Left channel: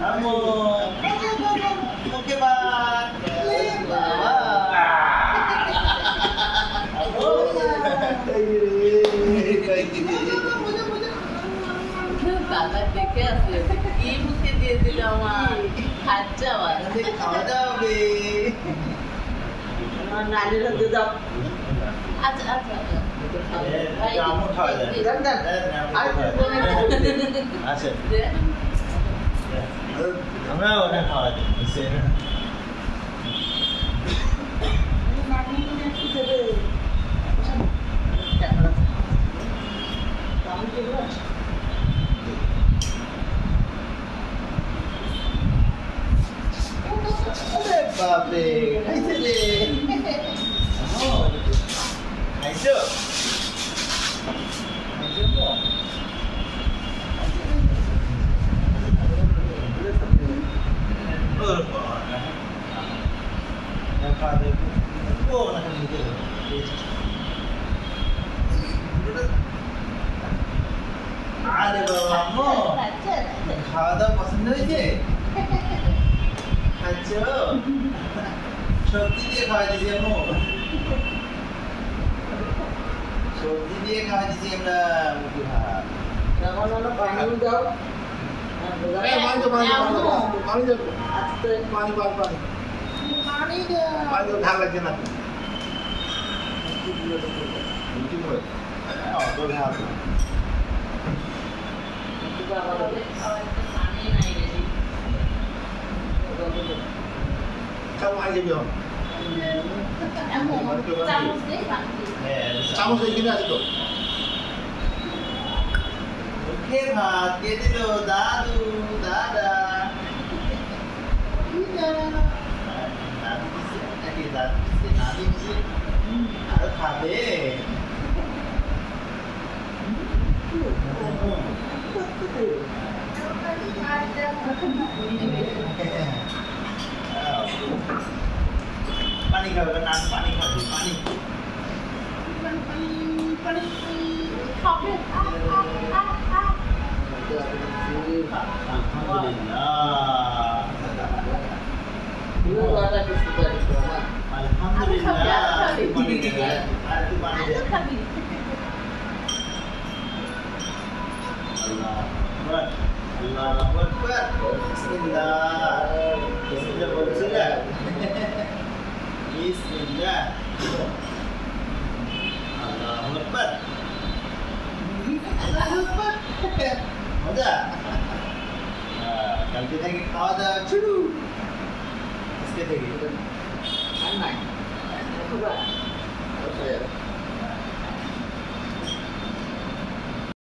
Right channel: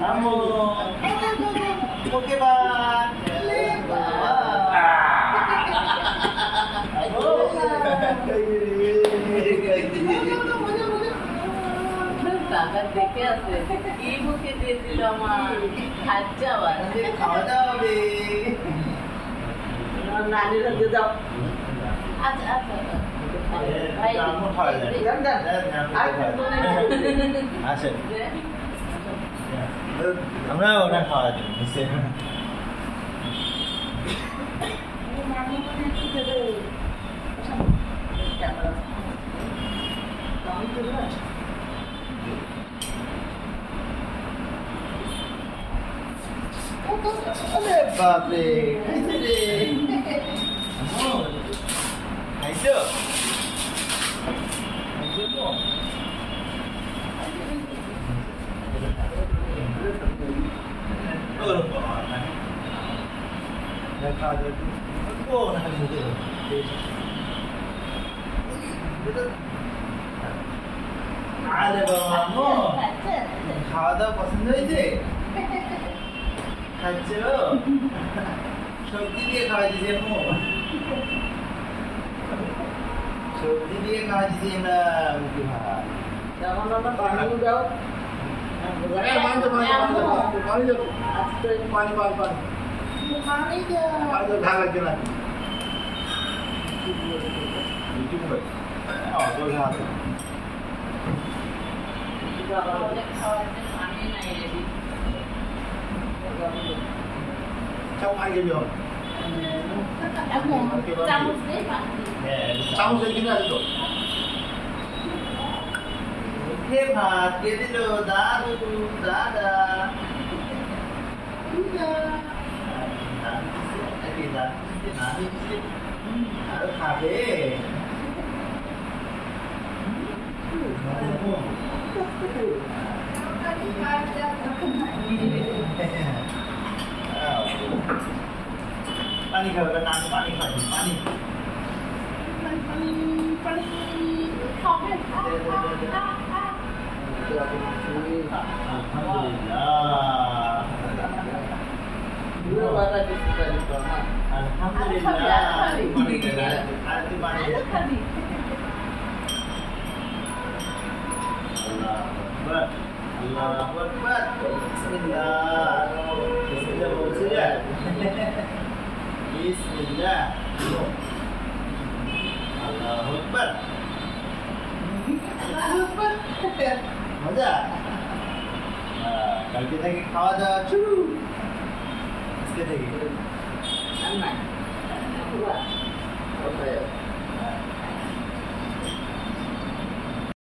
Amo. Oke, Bang. Bawa. বাবা দেখে আছে কি মুখে দিয়ে দিল আমার খাচ্ছা খাওয়া দাওয়া হবে নানির হাতে দাও আচ্ছা আচ্ছা আমও খাওয়া যায় আচ্ছা আমরা ওটা খাওয়া যায় বাপরে খাইছে রে খাইছো খাইছো তো ওর বাবা না খা দে ও না মুখে আরে বাবা আম্মু খাওয়া দাওয়া পছন্দ হয়েছে খাচ্ছো সবজি দিয়ে খাওয়া দিয়েছি আম্মু সবজি দিয়ে খাওয়া দিয়েছি আমরা মুখে ভাত পানি দাও চামচ আগে হবে চামচ এখানে আছে তো মুখে ভাত কে দিল দাদু দাদা দাদু দিছে নাকি দাদু দিছে নানি দিছে আরো খাবে পানি খাবে না পানি খাবে পানি পানি খাবে Allahu Akbar. Bismillah. Bismillah boleh ya? Bismillah. Allahu Akbar. Allahu Akbar. মজা কালকে থেকে খাওয়া দাওয়া শুরু আজকে থেকে আর নাই